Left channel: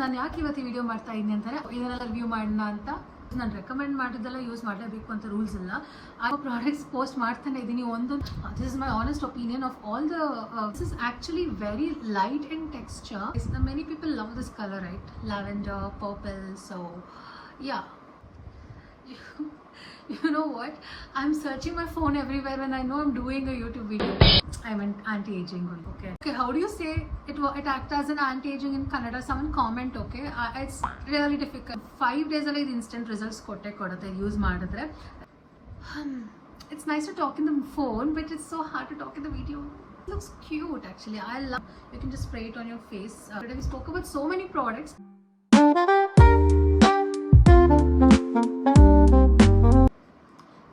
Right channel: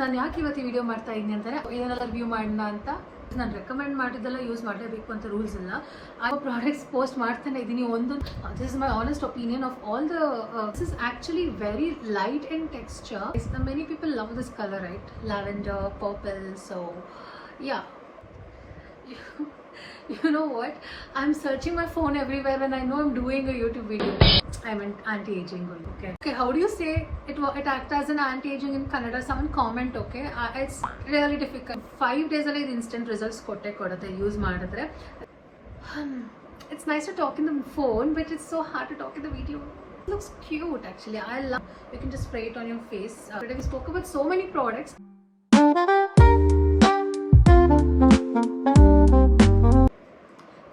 ನಾನು ಯಾಕೆ ಇವತ್ತು ಈ ವಿಡಿಯೋ ಮಾಡ್ತಾ ಇದ್ದೀನಿ ಅಂದರೆ ಏನೆಲ್ಲ ರಿವ್ಯೂ ಮಾಡೋಣ ಅಂತ. ನಾನು ರೆಕಮೆಂಡ್ ಮಾಡಿದ್ದೆಲ್ಲ ಯೂಸ್ ಮಾಡಲೇಬೇಕು ಅಂತ ರೂಲ್ಸ್ ಇಲ್ಲ. ಆ ಪ್ರಾಡಕ್ಟ್ಸ್ ಪೋಸ್ಟ್ ಮಾಡ್ತಾನೆ ಇದ್ದೀನಿ ಒಂದೊಂದು. This is my honest opinion of all the. This is actually very light in texture. Many people love this colour, right? Lavender, purple. So yeah, you know what, I'm searching my phone everywhere when I know I'm doing a YouTube video. I meant anti-aging. Okay, how do you say it act as an anti-aging in Kannada? Someone comment. Okay, it's really difficult. 5 days alli instant results kodutte use madidre. It's nice to talk in the phone, but it's so hard to talk in the video. It looks cute actually. I love. You can just spray it on your face. Today we spoke about so many products.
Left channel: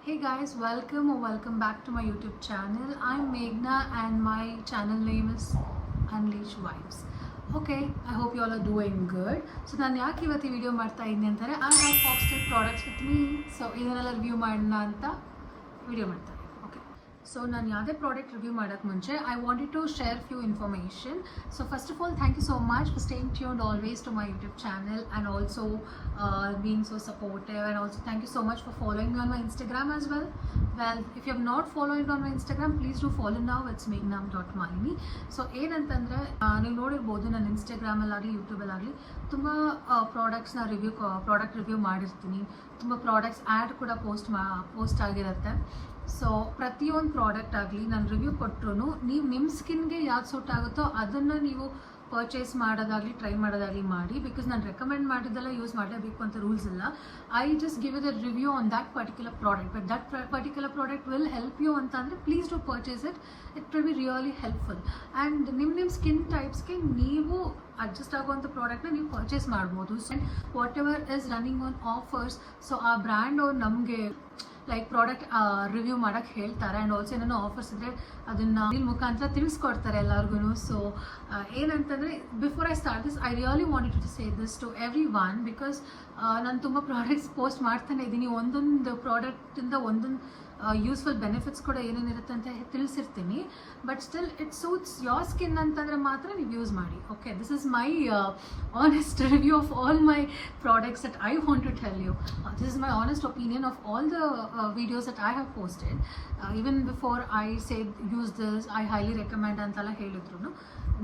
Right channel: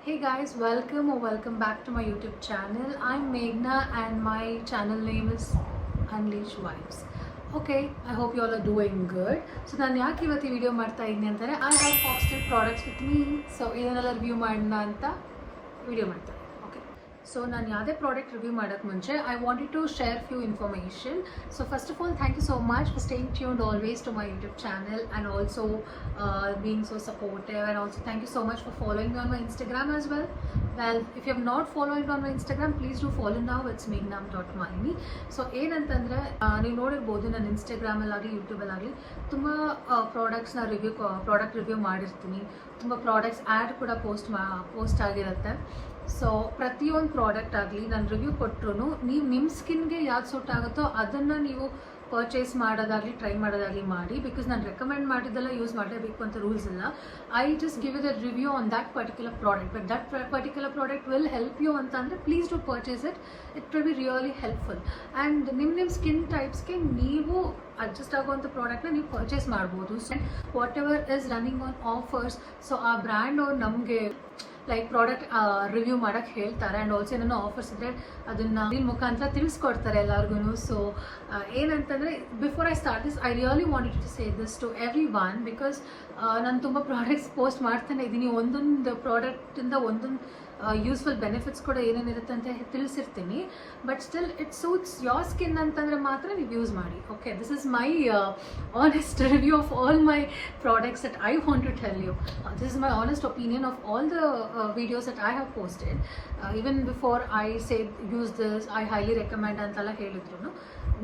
Hey guys, welcome back to my YouTube channel. I'm Meghna and my channel name is Unleash Vibes. Okay, I hope you all are doing good. So ನಾನು ಯಾಕೆ ಇವತ್ತು ಈ ವಿಡಿಯೋ ಮಾಡ್ತಾ ಇದ್ದೀನಿ ಅಂದರೆ I have Foxtel products with me. So ಇದನ್ನೆಲ್ಲ ರಿವ್ಯೂ ಮಾಡೋಣ ಅಂತ ವಿಡಿಯೋ ಮಾಡ್ತಾ ಇದ್ದೀನಿ. ಓಕೆ, ಸೊ ನಾನು ಯಾವುದೇ ಪ್ರಾಡಕ್ಟ್ ರಿವ್ಯೂ ಮಾಡೋಕ್ಕೆ ಮುಂಚೆ I wanted to share few information. So first of all, thank you so much for staying tuned always to my YouTube channel and also being so supportive, and also thank you so much for following me on my Instagram as well. Well, if you have not followed on my Instagram, please do follow now. It's meghna.malini. So ಏನಂತಂದರೆ ನೀವು ನೋಡಿರ್ಬೋದು ನನ್ನ ಇನ್ಸ್ಟಾಗ್ರಾಮಲ್ಲಾಗಲಿ ಯೂಟ್ಯೂಬಲ್ಲಾಗಲಿ ತುಂಬ product review ಮಾಡಿರ್ತೀನಿ. ತುಂಬ products add ಕೂಡ ಪೋಸ್ಟ್ ಆಗಿರುತ್ತೆ. ಸೊ ಪ್ರತಿಯೊಂದು ಪ್ರಾಡಕ್ಟ್ ಆಗಲಿ ನಾನು ರಿವ್ಯೂ ಕೊಟ್ಟರು ನೀವು ನಿಮ್ಮ ಸ್ಕಿನ್ಗೆ ಯಾವ್ದು ಸೂಟ್ ಆಗುತ್ತೋ ಅದನ್ನು ನೀವು ಪರ್ಚೇಸ್ ಮಾಡೋದಾಗಲಿ ಟ್ರೈ ಮಾಡೋದಾಗಲಿ ಮಾಡಿ. ಬಿಕಾಸ್ ನಾನು ರೆಕಮೆಂಡ್ ಮಾಡಿದ್ದೆಲ್ಲ ಯೂಸ್ ಮಾಡಲೇಬೇಕು ಅಂತ ರೂಲ್ಸ್ ಇಲ್ಲ. I just give it a review on that particular product. But that particular product will help you ಅಂತ ಅಂದರೆ please do purchase it. It will be really helpful. And ನಿಮ್ಮ ಸ್ಕಿನ್ ಟೈಪ್ಸ್ಗೆ ನೀವು ಅಡ್ಜಸ್ಟ್ ಆಗುವಂಥ ಪ್ರಾಡಕ್ಟ್ನ ನೀವು ಪರ್ಚೇಸ್ ಮಾಡ್ಬೋದು. So whatever is running on offers, so ಆ ಬ್ರ್ಯಾಂಡ್ ಅವ್ರು ನಮಗೆ ಲೈಕ್ ಪ್ರಾಡಕ್ಟ್ ರಿವ್ಯೂ ಮಾಡೋಕ್ಕೆ ಹೇಳ್ತಾರೆ. ಆ್ಯಂಡ್ ಆಲ್ಸೋ ಏನೇನೋ ಆಫರ್ಸ್ ಇದ್ದರೆ ಅದನ್ನು ಇಲ್ಲಿ ಮುಖಾಂತರ ತಿಳಿಸ್ಕೊಡ್ತಾರೆ ಎಲ್ಲರಿಗೂ. ಸೊ ಏನಂತಂದರೆ before I start this, I really wanted to say this to everyone. Because ನಾನು ತುಂಬ ಪ್ರಾಡಕ್ಟ್ಸ್ ಪೋಸ್ಟ್ ಮಾಡ್ತಾನೆ ಇದ್ದೀನಿ. ಒಂದೊಂದು ಪ್ರಾಡಕ್ಟಿಂದ ಒಂದೊಂದು ಯೂಸ್ಫುಲ್ ಬೆನಿಫಿಟ್ಸ್ ಕೂಡ ಏನೇನಿರುತ್ತೆ ಅಂತ ತಿಳಿಸಿರ್ತೀನಿ. But still it suits your skin ಅಂತಂದರೆ ಮಾತ್ರ ನೀವು ಯೂಸ್ ಮಾಡಿ. Okay, this is my honest review of all my products that I want to tell you. This is my honest opinion of all the videos that I have posted. Even before I say use this, I highly recommend ಅಂತೆಲ್ಲ ಹೇಳಿದ್ರು.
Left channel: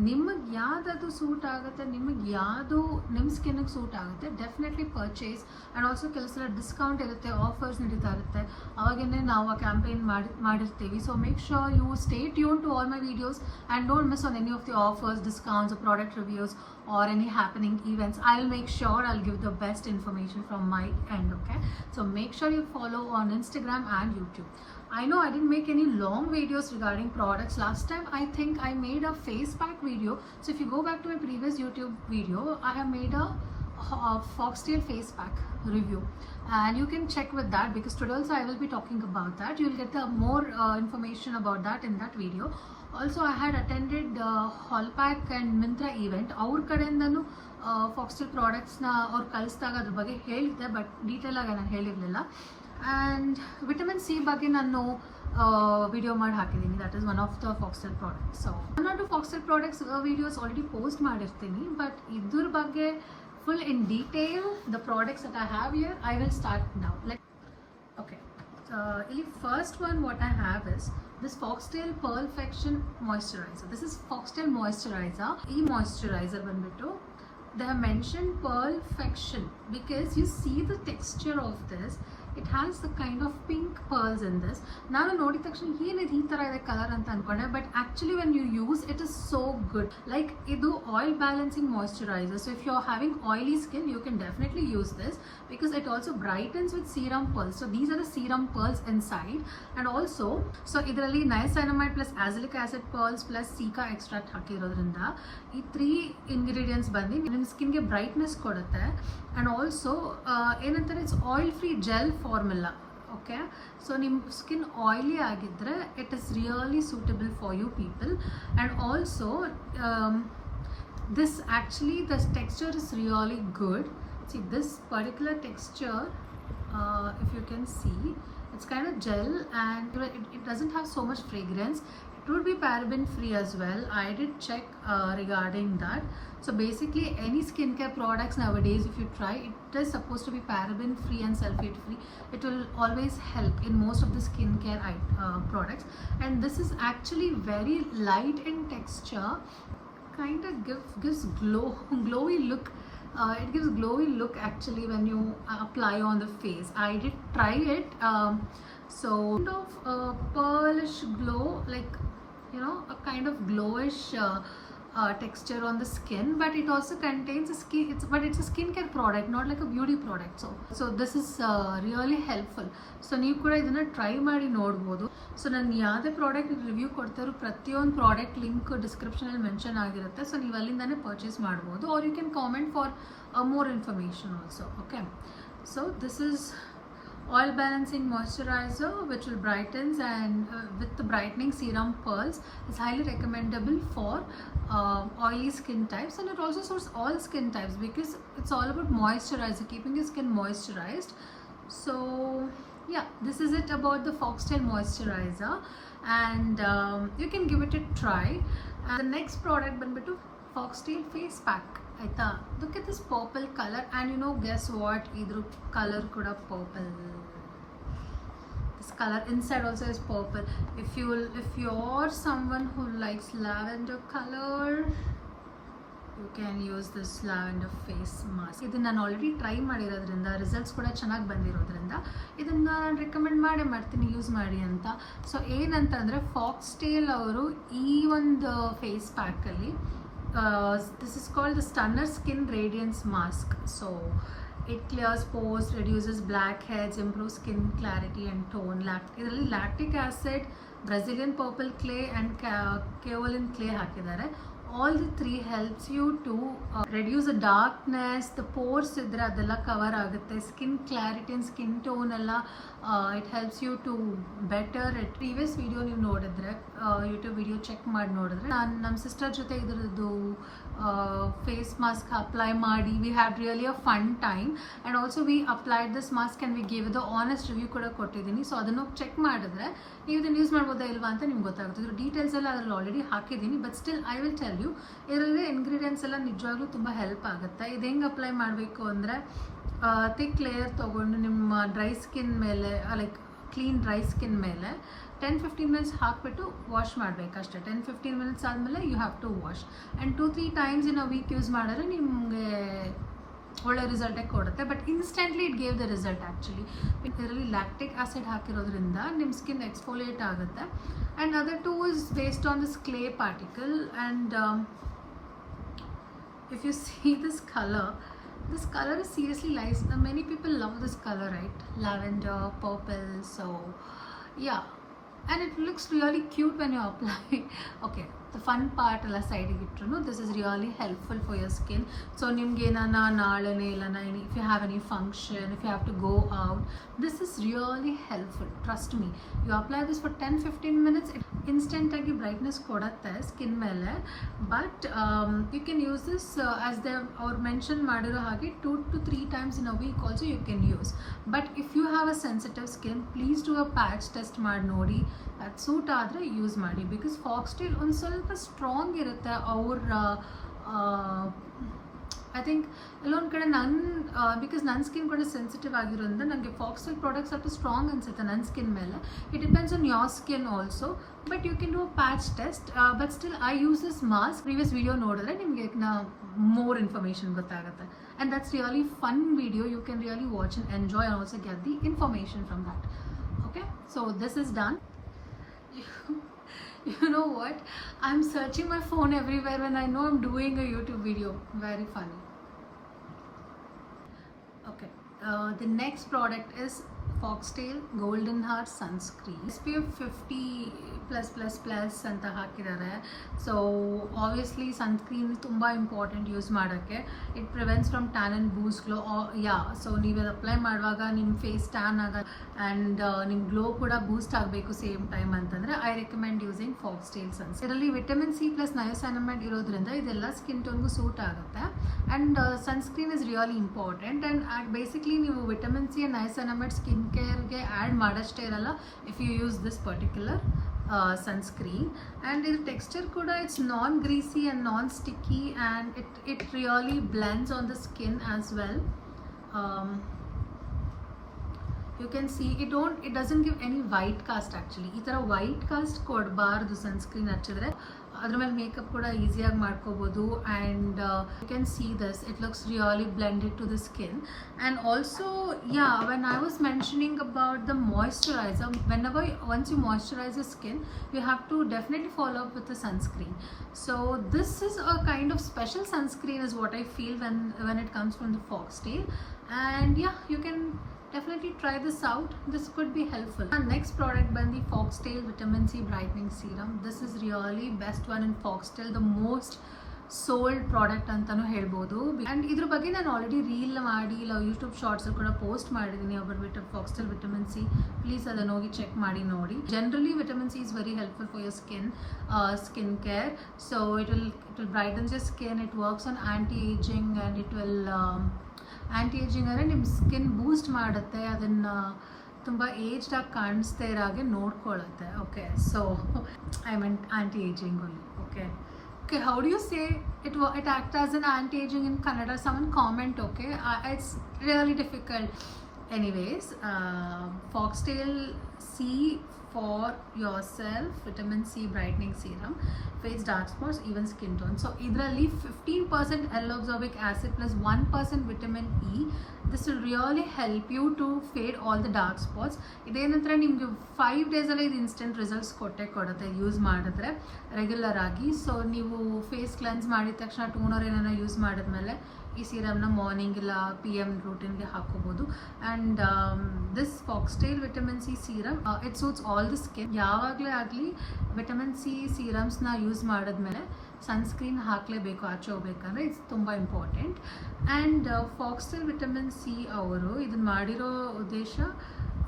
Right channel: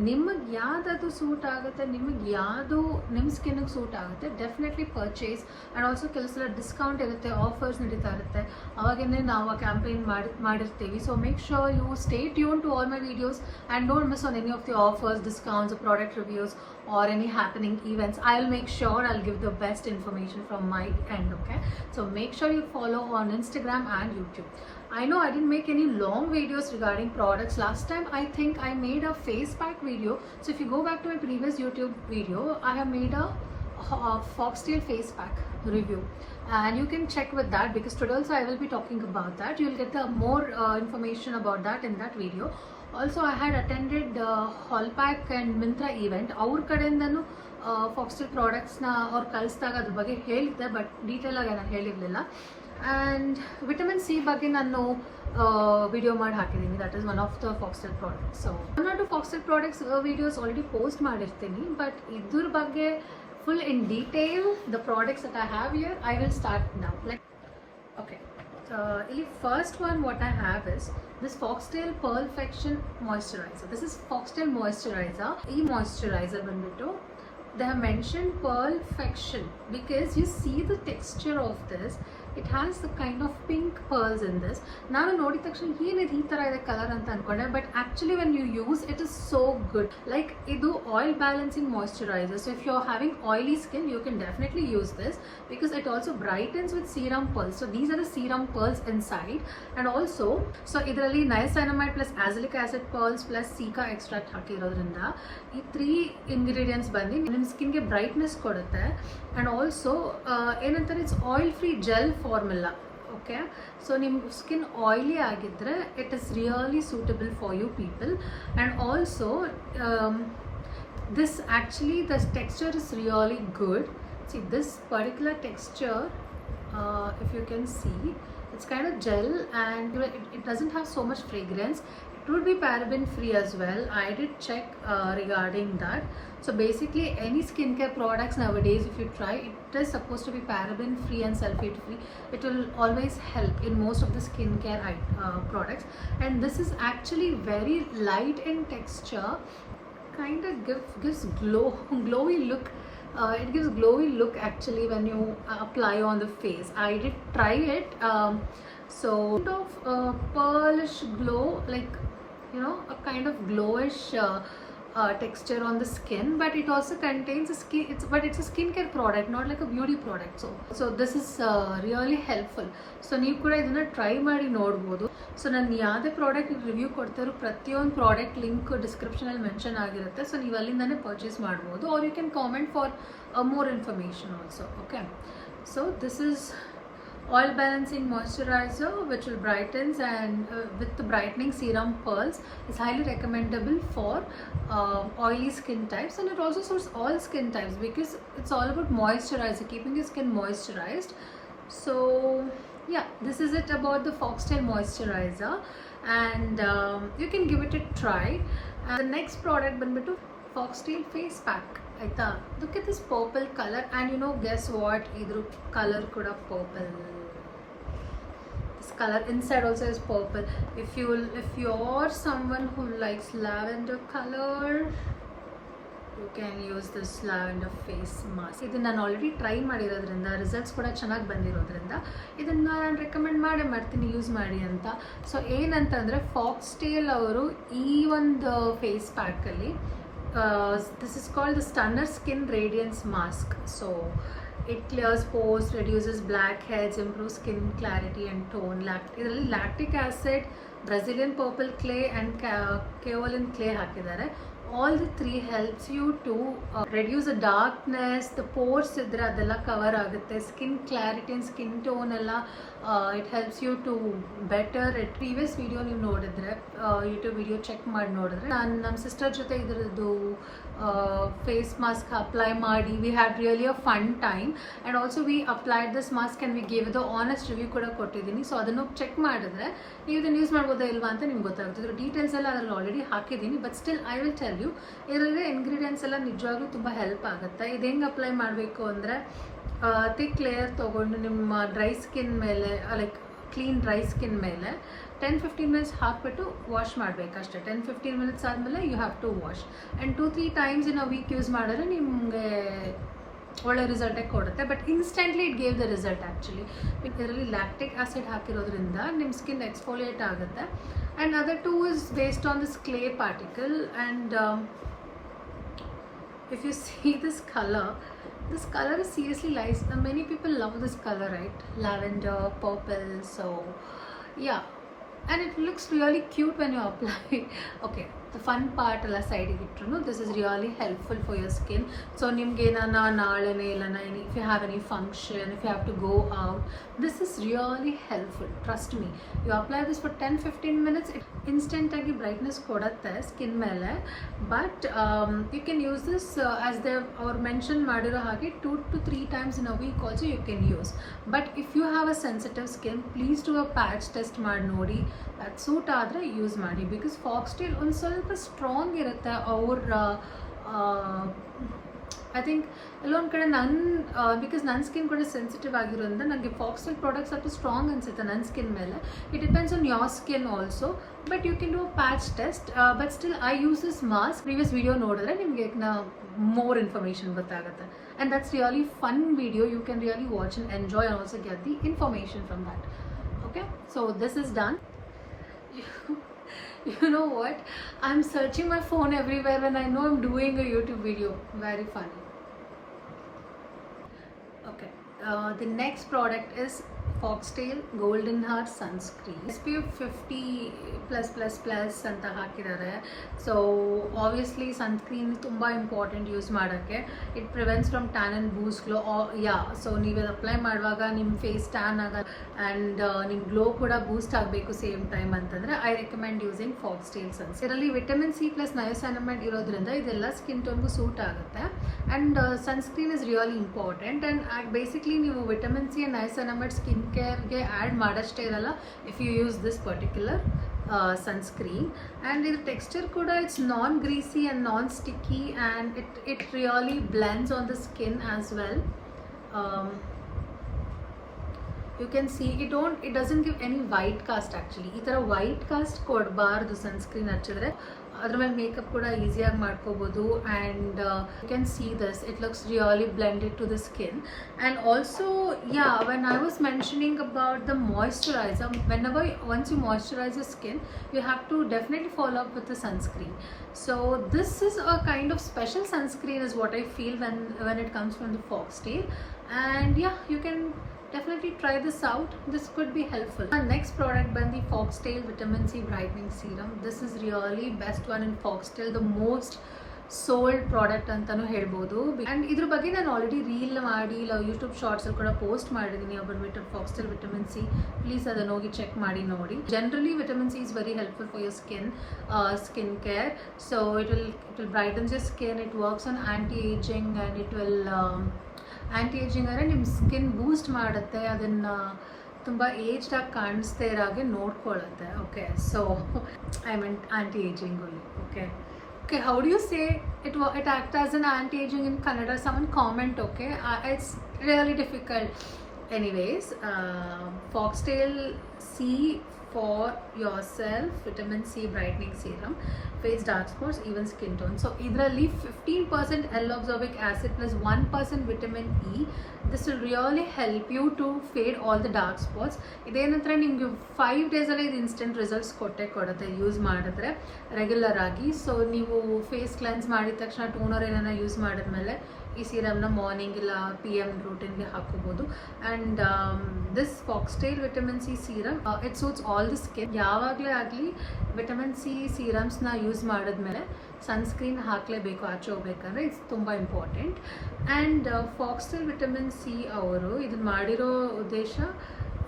ನಿಮಗೆ ಯಾವುದದು ಸೂಟ್ ಆಗುತ್ತೆ, ನಿಮಗೆ ಯಾವುದು ನಿಮ್ಮ ಸ್ಕಿನ್ನಿಗೆ ಸೂಟ್ ಆಗುತ್ತೆ, ಡೆಫಿನೆಟ್ಲಿ ಪರ್ಚೇಸ್. ಆ್ಯಂಡ್ ಆಲ್ಸೋ ಕೆಲವು ಸಲ ಡಿಸ್ಕೌಂಟ್ ಇರುತ್ತೆ, ಆಫರ್ಸ್ ನಡೀತಾ ಇರುತ್ತೆ, ಅವಾಗೇ ನಾವು ಆ ಕ್ಯಾಂಪೇನ್ ಮಾಡಿರ್ತೀವಿ. So make sure you stay tune to all my videos and don't miss on any of the offers, discounts, product reviews or any happening events. I'll make sure I'll give the best information from my end. Okay, so make sure you follow on Instagram and YouTube. I know I didn't make any long videos regarding products. Last time I think I made a face pack video. So if you go back to my previous YouTube video, I have made a Foxtel face pack review, and you can check with that, because today also I will be talking about that. You'll get the more information about that in that video. Also I had attended Hallpack and Myntra event. ಅವ್ರ ಕಡೆಯಿಂದನೂ ಫಾಕ್ಸ್ಟೆಲ್ ಪ್ರಾಡಕ್ಟ್ಸ್ನ ಅವ್ರು ಕಳಿಸಿದಾಗ ಅದ್ರ ಬಗ್ಗೆ ಹೇಳಿದ್ದೆ, ಬಟ್ ಡೀಟೇಲಾಗಿ ನಾನು ಹೇಳಿರಲಿಲ್ಲ. ಆ್ಯಂಡ್ ವಿಟಮಿನ್ ಸಿ ಬಗ್ಗೆ ನಾನು ವಿಡಿಯೋ ಮಾಡಿ ಹಾಕಿದ್ದೀನಿ. That is one of the Foxtale products. So one or two Foxtale products videos already post ಮಾಡಿರ್ತೀನಿ, ಬಟ್ ಇದ್ರ ಬಗ್ಗೆ full in detail the products that I have here, I will start now. Okay, first one what I have is this Foxtel Perfection Moisturizer. This is Foxtel Moisturizer. E moisturizer ಬಂದ್ಬಿಟ್ಟು they have mentioned Perfection because you see the texture of this. It has the kind of pink pearls in this. ನಾನು ನೋಡಿದ ತಕ್ಷಣ ಏನಿದೆ ಈ ಥರ ಇದೆ colour ಅಂತ ಅಂದ್ಕೊಂಡೆ, but actually when you use it is so good. Like ಇದು oil balancing moisturiser. So if you are having oily skin, you can definitely use this because it also brightens with serum pearls. So these are the serum pearls inside, and also so ಇದರಲ್ಲಿ niacinamide plus azelaic acid pearls plus cica extract ಹಾಕಿರೋದ್ರಿಂದ ಈ 3 ingredients ಬಂದು ನಿಮ್ಮ ಸ್ಕಿನ್ಗೆ brightness ಕೊಡುತ್ತೆ. And also ಏನಂತಾರೆ, it's oil free gel formula. Okay, so ನಿಮ್ಮ skin oily ಆಗಿದ್ದರೆ it is really suitable for you people. And also this actually the texture is really good. See this particular texture, if you can see, it's kind of gel, and it doesn't have so much fragrance. It it would be paraben free as well. I did check regarding that. So basically any skincare products nowadays, if you try, it is supposed to be paraben free and sulfate free. It will always help in most of the skincare products. And this is actually very light in texture, kind of gives glowy look. It gives glowy look actually when you apply on the face. I did try it. So kind of pearlish glow, like a kind of glowish texture on the skin, but it also contains it's a skincare product, not like a beauty product. So this is really helpful. So ನೀವು ಕೂಡ ಇದನ್ನ ಟ್ರೈ ಮಾಡಿ ನೋಡ್ಬೋದು. ಸೊ ನಾನು ಯಾವುದೇ product review ಕೊಡ್ತಾರೋ ಪ್ರತಿಯೊಂದು product link ಡಿಸ್ಕ್ರಿಪ್ಷನಲ್ಲಿ ಮೆನ್ಷನ್ ಆಗಿರುತ್ತೆ. ಸೊ ನೀವು ಅಲ್ಲಿಂದಾನೇ ಪರ್ಚೇಸ್ ಮಾಡ್ಬೋದು, or you can comment for more information also. Okay, so this is oil balancing moisturizer which will brightens and with the brightening serum pearls. Is highly recommendable for oily skin types, and it also suits all skin types because it's all about moisturizer, keeping your skin moisturized. So yeah, this is it about the Foxtail moisturizer, and you can give it a try. And the next product banbitu Foxtail face pack. Aita, look at this purple color, and guess what, idru color kuda purple. This color inside also is purple. If you're someone who likes lavender color, you can use this lavender face mask. ಇದನ್ನ ನಾನು already try ಮಾಡಿರೋದ್ರಿಂದ ರಿಸಲ್ಟ್ಸ್ ಕೂಡ ಚೆನ್ನಾಗಿ ಬಂದಿರೋದ್ರಿಂದ ಇದನ್ನು ನಾನು ರೆಕಮೆಂಡ್ ಮಾಡ್ತೀನಿ ಯೂಸ್ ಮಾಡಿ ಅಂತ. ಸೊ ಏನಂತಂದರೆ ಫಾಕ್ಸ್ಟೇಲ್ ಅವರು ಈ ಒಂದು ಫೇಸ್ ಪ್ಯಾಕಲ್ಲಿ this is called the Stunner Skin Radiance Mask. So it clears pores, reduces blackheads, improves skin clarity and tone. ಇದರಲ್ಲಿ lactic acid, Brazilian purple clay and kaolin clay ಹಾಕಿದ್ದಾರೆ. All the three helps you to reduce the darkness, the pores idre adella cover agutte, skin clarity and skin tone alla it helps you to better. Previous video ನೀವು ನೋಡಿದ್ರೆ YouTube video check ಮಾಡಿ ನೋಡಿದ್ರೆ ನಾನು ನಮ್ಮ ಸಿಸ್ಟರ್ ಜೊತೆ ಇದರದ್ದು face mask apply ಮಾಡಿ we had really a fun time, and also we applied this mask and we gave the honest review ಕೂಡ ಕೊಟ್ಟಿದ್ದೀನಿ. ಸೊ ಅದನ್ನು ಚೆಕ್ ಮಾಡಿದ್ರೆ ನೀವು ಇದನ್ನು ಯೂಸ್ ಮಾಡ್ಬೋದಾ ಇಲ್ವಾ ಅಂತ ನಿಮ್ಗೆ ಗೊತ್ತಾಗುತ್ತೆ. ಇದ್ರ ಡೀಟೇಲ್ಸ್ ಎಲ್ಲ ಅದರಲ್ಲಿ ಆಲ್ರೆಡಿ ಹಾಕಿದ್ದೀನಿ, but still I will tell you. ಇದರಲ್ಲಿ ಇಂಗ್ರೀಡಿಯೆಂಟ್ಸ್ ಎಲ್ಲ ನಿಜವಾಗ್ಲೂ ತುಂಬ ಹೆಲ್ಪ್ ಆಗುತ್ತೆ. ಇದು ಹೆಂಗೆ ಅಪ್ಲೈ ಮಾಡಬೇಕು ಅಂದರೆ ಥಿಕ್ ಲೇಯರ್ ತೊಗೊಂಡು ನಿಮ್ಮ ಡ್ರೈ ಸ್ಕಿನ್ ಮೇಲೆ, ಲೈಕ್ ಕ್ಲೀನ್ ಡ್ರೈ ಸ್ಕಿನ್ ಮೇಲೆ 10-15 ಮಿನಿಟ್ಸ್ ಹಾಕ್ಬಿಟ್ಟು ವಾಶ್ ಮಾಡಬೇಕಷ್ಟೇ. 10-15 ಮಿನಿಟ್ಸ್ ಆದಮೇಲೆ you have to wash, and 2-3 times in a week use ಮಾಡಿದ್ರೆ ನಿಮಗೆ ಒಳ್ಳೆ ರಿಸಲ್ಟೇ ಕೊಡುತ್ತೆ. But instantly it gave the result actually. ಇದರಲ್ಲಿ ಲ್ಯಾಕ್ಟಿಕ್ ಆ್ಯಸಿಡ್ ಹಾಕಿರೋದ್ರಿಂದ ನಿಮ್ಮ ಸ್ಕಿನ್ ಎಕ್ಸ್ಫೋಲಿಯೇಟ್ ಆಗುತ್ತೆ. And other two is based on this clay particle. And if you see this color is seriously nice. Many people love this color, right? Lavender, purple. So yeah, and it looks really cute when you apply. Okay, the fun part alla side ittru, this is really helpful for your skin. So nimge ಏನನ ನಾಳೆನೆ ಇಲ್ಲನ if you have any function, if you have to go out, this is really helpful, trust me. You apply this for 10-15 minutes, it instant agi brightness kodutte skin mele. But you can use this as they or mention madiro hage 2 to 3 times in a week also you can use. But if you have a sensitive skin, please do a patch test ಮಾಡಿ ನೋಡಿ, that suit ಆದರೆ ಯೂಸ್ ಮಾಡಿ. Because foxtail ಒಂದು ಸ್ವಲ್ಪ ಸ್ಟ್ರಾಂಗ್ ಇರುತ್ತೆ ಅವ್ರ I think ಎಲ್ಲೊಂದು ಕಡೆ ಬಿಕಾಸ್ ನನ್ನ ಸ್ಕಿನ್ ಕೂಡ ಸೆನ್ಸಿಟಿವ್ ಆಗಿರೋದ್ರಿಂದ ನನಗೆ ಫಾಕ್ಸ್ಟೇಲ್ ಪ್ರಾಡಕ್ಟ್ ಸ್ವಲ್ಪ ಸ್ಟ್ರಾಂಗ್ ಅನಿಸುತ್ತೆ ನನ್ನ ಸ್ಕಿನ್ ಮೇಲೆ. It depends on your skin also, but you can do a patch test. But still I use this mask. Previous video ನೋಡಿದ್ರೆ ನಿಮಗೆ more information ಗೊತ್ತಾಗುತ್ತೆ. And that's really fun video. You can really watch and enjoy and also get the information from that. Okay, so this is done. You know what? I'm searching my phone everywhere when I know I'm doing a YouTube video. Very funny. Okay, the next product is Foxtail Golden Heart Sunscreen. SPF 50+++ ಅಂತ ಹಾಕಿದ್ದಾರೆ. So obviously sunscreen ತುಂಬ important use ಮಾಡೋಕ್ಕೆ. It prevents from tan and boost glow. So ನೀವು ಅದು apply ಮಾಡುವಾಗ ನಿಮ್ಮ face tan ಆಗ and ನಿಮ್ಮ ಗ್ಲೋ ಕೂಡ ಬೂಸ್ಟ್ ಆಗಬೇಕು ಸೇಮ್ ಟೈಮ್ ಅಂತಂದರೆ I recommend using Foxtail suns. ಇದರಲ್ಲಿ ವಿಟಮಿನ್ ಸಿ ಪ್ಲಸ್ ನಯೋಸೈನಮೈಡ್ ಇರೋದ್ರಿಂದ ಇದೆಲ್ಲ ಸ್ಕಿನ್ ಟೋನ್ಗೂ ಸೂಟ್ ಆಗುತ್ತೆ. And sunscreen is really important. And basically ನೀವು vitamin C and niacinamide skin ಕೇರ್ಗೆ ಆ್ಯಡ್ ಮಾಡೋಷ್ಟೇ ಇರಲ್ಲ if you use this particular sunscreen, and the texture kuda, it's non greasy and non sticky, and it really blends on the skin as well. You can see it doesn't give any white cast actually. ಈ ಥರ white cast ಕೊಡಬಾರ್ದು ಸನ್ಸ್ಕ್ರೀನ್ ಹಚ್ಚಿದ್ರೆ. ಅದ್ರ ಮೇಲೆ ಮೇಕಪ್ ಕೂಡ ಈಸಿಯಾಗಿ ಮಾಡ್ಕೋಬೋದು. And you can see this, it looks really blended to the skin. And also when I was mentioning about the moisturiser, once you moisturize your skin, you have to definitely follow up with the sunscreen. So this is a kind of special sunscreen is what I feel when it comes from the Foxtail. And you can definitely try this out. This could be helpful. Our next product bandi Foxtail Vitamin C Brightening Serum. This is really best one in Foxtail, the most sold product ಅಂತಲೂ ಹೇಳ್ಬೋದು. ಆ್ಯಂಡ್ ಇದ್ರ ಬಗ್ಗೆ ನಾನು already reel ಮಾಡಿ ಇಲ್ಲ ಯೂಟ್ಯೂಬ್ ಶಾರ್ಟ್ಸಲ್ಲಿ ಕೂಡ post ಮಾಡಿದ್ದೀನಿ about Foxtail Vitamin C. Please ಅದನ್ನು ಹೋಗಿ ಚೆಕ್ ಮಾಡಿ ನೋಡಿ. Generally vitamin C is very helpful for your skin care. So it will brightens your skin. It works on anti ageing and it will anti ageing ಅಂದರೆ ನಿಮ್ಮ ಸ್ಕಿನ್ ಬೂಸ್ಟ್ ಮಾಡುತ್ತೆ, ಅದನ್ನು ತುಂಬ ಏಜ್ಡಾಗಿ ಕಾಣಿಸ್ದೇ ಇರೋ ಹಾಗೆ ನೋಡ್ಕೊಳ್ಳುತ್ತೆ. Okay, so I mean anti ageing only. Okay, how do you say it acts as an anti-aging in Kannada? Someone comment, okay? It's really difficult. Anyways, Foxtail C for yourself Vitamin C Brightening Serum, face dark spots, even skin tone. So idralli 15% L-ascorbic acid plus 1% vitamin E. This will really help you to fade all the dark spots. idenantra nimge 5 days alli idu instant results kodutte use ಮಾಡಿದ್ರೆ ರೆಗ್ಯುಲರ್ ಆಗಿ. ಸೊ ನೀವು face cleanse ಮಾಡಿದ ತಕ್ಷಣ ಟೋನರ್ ಏನಾರ ಯೂಸ್ ಮಾಡಿದ್ಮೇಲೆ ಈ ಸೀರಮ್ನ ಮಾರ್ನಿಂಗ್ ಇಲ್ಲ PM ರೂಟೀನ್ಗೆ ಹಾಕೋಬೋದು. And this Foxtail vitamin C serum it suits all the skin. ಯಾವಾಗಲೇ ಆಗಲಿ ವಿಟಮಿನ್ ಸಿ ಸೀರಮ್ಸ್ನ ಯೂಸ್ ಮಾಡಿದ್ಮೇಲೆ ಸನ್ಸ್ಕ್ರೀನ್ ಹಾಕಲೇಬೇಕು ಆಚೆ ಹೋಗ್ಬೇಕಂದ್ರೆ. ಇಟ್ಸ್ ತುಂಬ important. And Foxtail vitamin C ಅವರು ಇದನ್ನು ಮಾಡಿರೋ ಉದ್ದೇಶ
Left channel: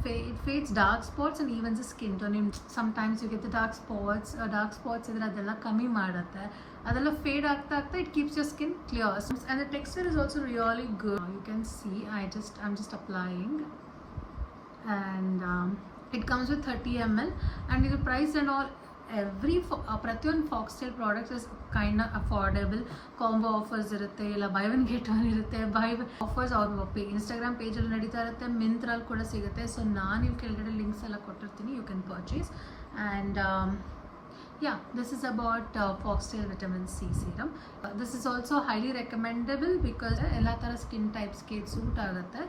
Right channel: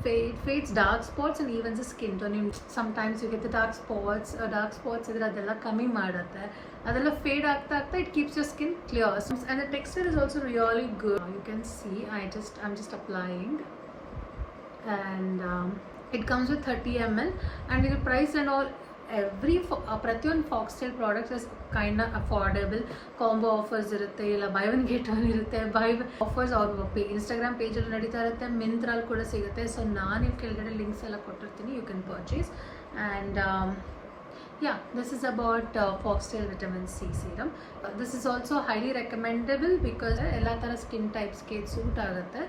it fades dark spots and evens the skin tone. Sometimes you get the dark spots idra adella kami madutte, adella fade aagta it keeps your skin clear, and the texture is also really good. You can see I'm just applying, and it comes with 30 ml, and the price and all ಪ್ರತಿಯೊಂದು Foxtail products is kind affordable. Combo offers ಇರುತ್ತೆ, ಇಲ್ಲ by one get one ಇರುತ್ತೆ. ಆಫರ್ಸ್ ಅವ್ರ ಇನ್ಸ್ಟಾಗ್ರಾಮ್ ಪೇಜಲ್ಲಿ ನಡೀತಾ ಇರುತ್ತೆ, ಮಿಂತ್ರಲ್ಲಿ ಕೂಡ ಸಿಗುತ್ತೆ. ಸೊ ನಾನು ಇಲ್ಲಿ ಕೆಳಗಡೆ ಲಿಂಕ್ಸ್ ಎಲ್ಲ ಕೊಟ್ಟಿರ್ತೀನಿ, you can purchase. And this is about Foxtail Vitamin C Serum. This is also highly recommendable because ಎಲ್ಲ ಥರ ಸ್ಕಿನ್ ಟೈಪ್ಸ್ಗೆ ಇದು ಸೂಟ್ ಆಗುತ್ತೆ.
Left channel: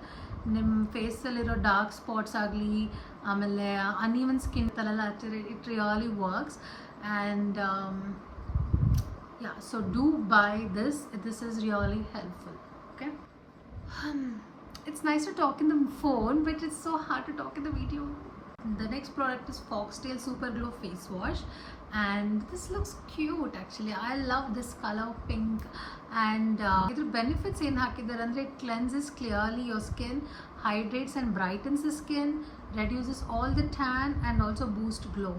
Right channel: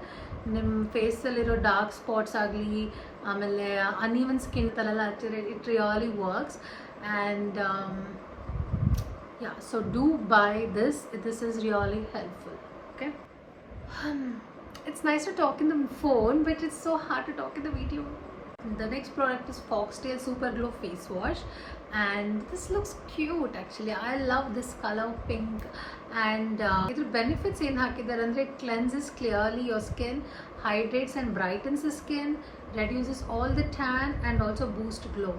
ನಿಮ್ಮ ಫೇಸಲ್ಲಿರೋ ಡಾರ್ಕ್ ಸ್ಪಾಟ್ಸ್ ಆಗಲಿ, ಆಮೇಲೆ ಅನ್ಈವನ್ ಸ್ಕಿನ್ ತಲೆಲ್ಲ ಹಚ್ಚಿದ್ರೆ it really works. And so do buy this is really helpful. Okay, it's nice to talk in the phone, but it's so hard to talk in the video. The next product is Foxtail Super Glow Face Wash, and this looks cute actually. I love this color pink. And idr benefits ಏನು ಹಾಕಿದ್ದಾರೆ ಅಂದರೆ it cleanses clearly your skin, hydrates and brightens the skin, reduces all the tan and also boost glow.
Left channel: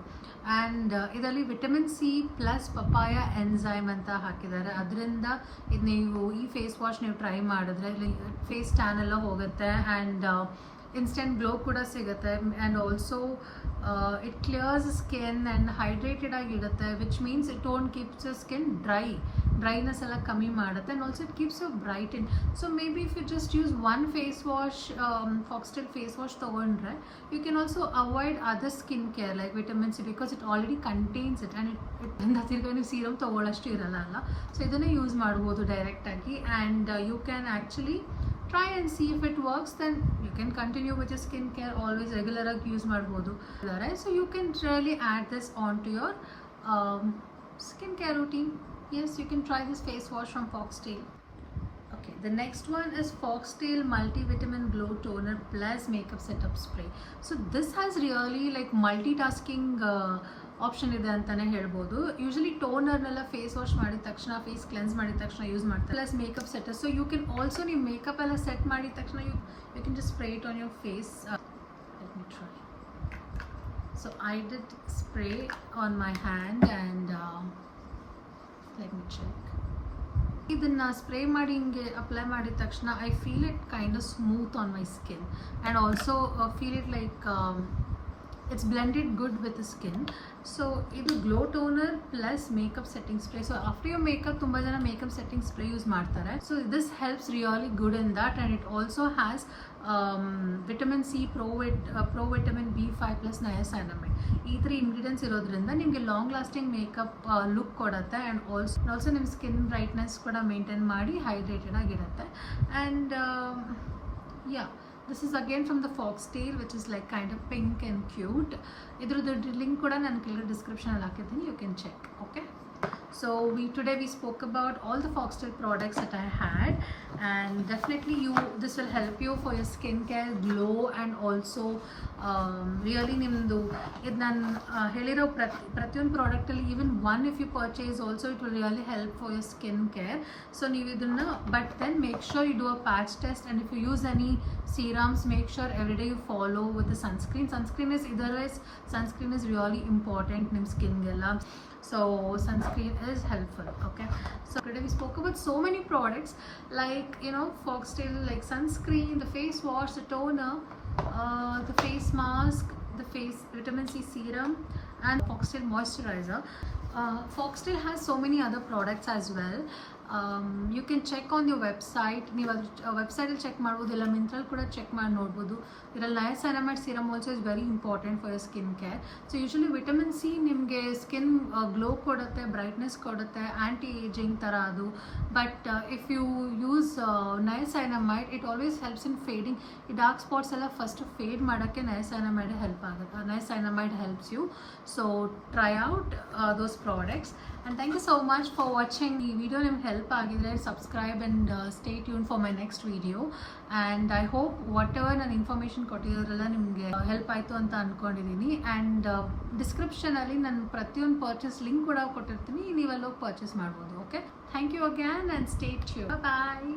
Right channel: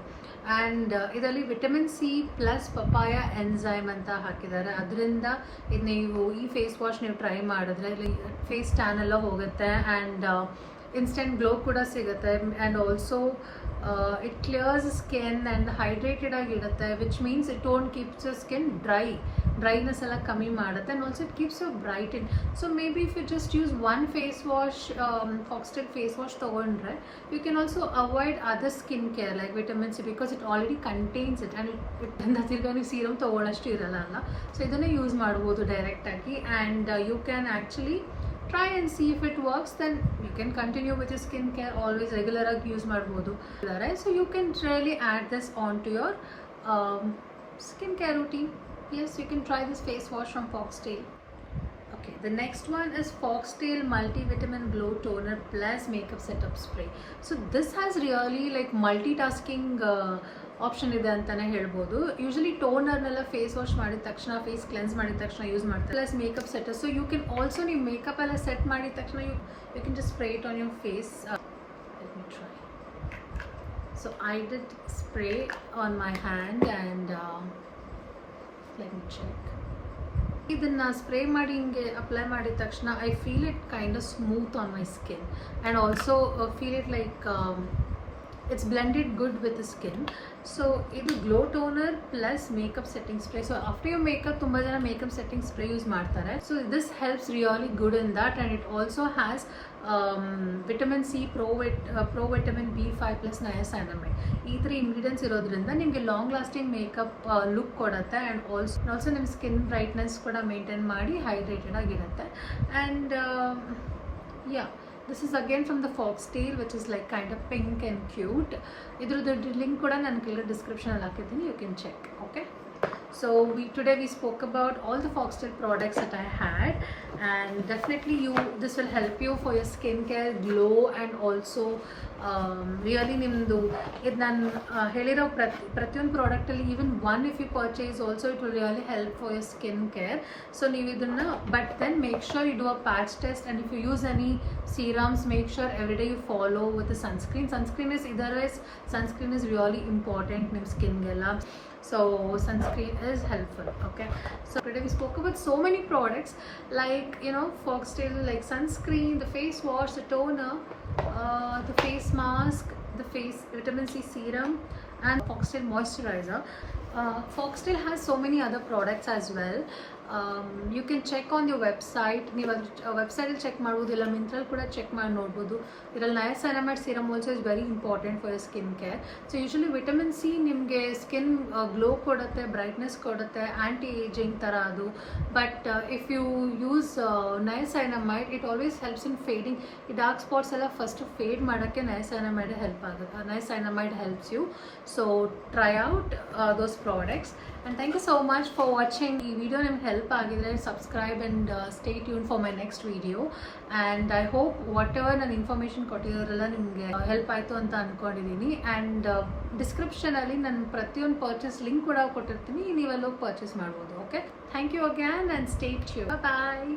And ಇದರಲ್ಲಿ vitamin C plus papaya enzyme ಅಂತ ಹಾಕಿದ್ದಾರೆ. ಅದರಿಂದ ಇದು ನೀವು ಈ ಫೇಸ್ ವಾಶ್ ನೀವು ಟ್ರೈ ಮಾಡಿದ್ರೆ ಫೇಸ್ ಟ್ಯಾನ್ ಎಲ್ಲ ಹೋಗುತ್ತೆ, ಆ್ಯಂಡ್ ಇನ್ಸ್ಟೆಂಟ್ ಗ್ಲೋ ಕೂಡ ಸಿಗುತ್ತೆ. And also it clears skin and hydrated ಆಗಿರುತ್ತೆ, which means it don't keeps your skin dryness ಎಲ್ಲ ಕಮ್ಮಿ ಮಾಡುತ್ತೆ. And also it keeps you brighten. So maybe if you just use one face wash, Foxtail face wash ತೊಗೊಂಡ್ರೆ you can also avoid other skin care like vitamin C, because it already contains it. And ತಿರ್ಗಾ ನೀವು ಸೀರಮ್ ತೊಗೊಳ್ಳೋಷ್ಟು ಇರಲ್ಲ ಅಲ್ಲ. ಸೊ ಇದನ್ನೇ use ಮಾಡ್ಬೋದು ಡೈರೆಕ್ಟಾಗಿ. And you can actually try and see if it works, then you can continue with your skincare always regular agi use madbodu. So you can really add this onto your skincare routine. Yes, you can try this face wash from Foxtail. Okay, the next one is Foxtail Multivitamin Glow Toner Plus Makeup Setup Spray. So this has really like multitasking option ಇದೆ ಅಂತಲೇ ಹೇಳ್ಬೋದು. ಯೂಶಲಿ ಟೋನರ್ನೆಲ್ಲ face wash ಮಾಡಿದ ತಕ್ಷಣ, face cleanse ಮಾಡಿದ ತಕ್ಷಣ use ಮಾಡ್ತಾರೆ, plus makeup set. So you can also ನೀವು ಮೇಕಪ್ ಎಲ್ಲ ಸೆಟ್ ಮಾಡಿದ ತಕ್ಷಣ you can just spray it on your face. Let me try. So I did spray on my hand and let me check. ಇದನ್ನು spray ಮಾಡಿ ಹಿಂಗೆ apply ಮಾಡಿದ ತಕ್ಷಣ I feel it kind of smooth on my skin, and also feel it like it's blended good with the skin. So ಇದು glow toner plus makeup setting spray. So after your makeup ತುಂಬ ಜನ makeup setting spray use ಮಾಡ್ತಾರೆ. So this helps really good in that, and it also has vitamin C, pro vitamin B5 plus niacinamide. ಈ 3 ingredients ಇರೋದ್ರಿಂದ ನಿಮಗೆ long lasting makeup look ಕೊಡುತ್ತೆ, and also ನಿಮ್ಮ skin brightness ಕೂಡ maintain ಮಾಡಿ hydrated ಆಗಿರುತ್ತೆ. And this is again from the Foxtail, which is like kind of pink and cute. Idruddu link kuda nan ಕೆಳಗೆ description ಅಲ್ಲಿ ಹಾಕಿದ್ದೀನಿ, you can check. Okay, so today we spoke about all the Foxtail products that I had, and definitely this will help you for your skincare glow, and also really ನಿಮ್ಮದು ಇದು ನಾನು ಹೇಳಿರೋ ಪ್ರತಿಯೊಂದು ಪ್ರಾಡಕ್ಟಲ್ಲಿ even one if you purchase also it will really help for your skin care. So ನೀವು ಇದನ್ನು but then make sure you do a patch test, and if you use any serums, make sure every day you follow with the sunscreen. Sunscreen is really important in skin gella, so sunscreen is helpful. Okay, so today we spoke about so many products like Foxtail, like sunscreen, the face wash, the toner, the face mask, the face vitamin C serum, and Foxtail moisturizer. Foxtail has so many other products as well. You can check on your website. ನೀವು ವೆಬ್ಸೈಟಲ್ಲಿ ಚೆಕ್ ಮಾಡ್ಬೋದು, ಇಲ್ಲ ಮಿಂತ್ರಲ್ಲಿ ಕೂಡ ಚೆಕ್ ಮಾಡಿ ನೋಡ್ಬೋದು. ಇದರಲ್ಲಿ niacinamide serum also is very important for your skin care. So usually vitamin C ನಿಮಗೆ ಸ್ಕಿನ್ ಗ್ಲೋ ಕೊಡುತ್ತೆ, ಬ್ರೈಟ್ನೆಸ್ ಕೊಡುತ್ತೆ, ಆ್ಯಂಟಿ ಏಜಿಂಗ್ ಥರ ಅದು. But if you use niacinamide it always helps in fading. ಈ ಡಾರ್ಕ್ ಸ್ಪಾಟ್ಸ್ ಎಲ್ಲ first fade ಮಾಡೋಕ್ಕೆ niacinamide help ಆಗುತ್ತೆ. Niacinamide helps you. So try out those products, and thank you so much for watching. ಈ video ನಿಮ್ಗೆ help ಆಗಿದ್ರೆ subscribe and stay tune for my next video. And I hope what ever ನಾನು ಇನ್ಫಾರ್ಮೇಷನ್ ಕೊಟ್ಟಿರೋರೆಲ್ಲ ನಿಮಗೆ ಹೆಲ್ಪ್ ಆಯಿತು ಅಂತ ಅಂದ್ಕೊಂಡಿದ್ದೀನಿ. ಆ್ಯಂಡ್ ಡಿಸ್ಕ್ರಿಪ್ಷನಲ್ಲಿ ನಾನು ಪ್ರತಿಯೊಂದು ಪರ್ಚೇಸ್ ಲಿಂಕ್ ಕೂಡ ಕೊಟ್ಟಿರ್ತೀನಿ, ನೀವೆಲ್ಲ ಹೋಗಿ ಪರ್ಚೇಸ್ ಮಾಡ್ಬೋದು. Okay, thank you again and stay tune. Bye.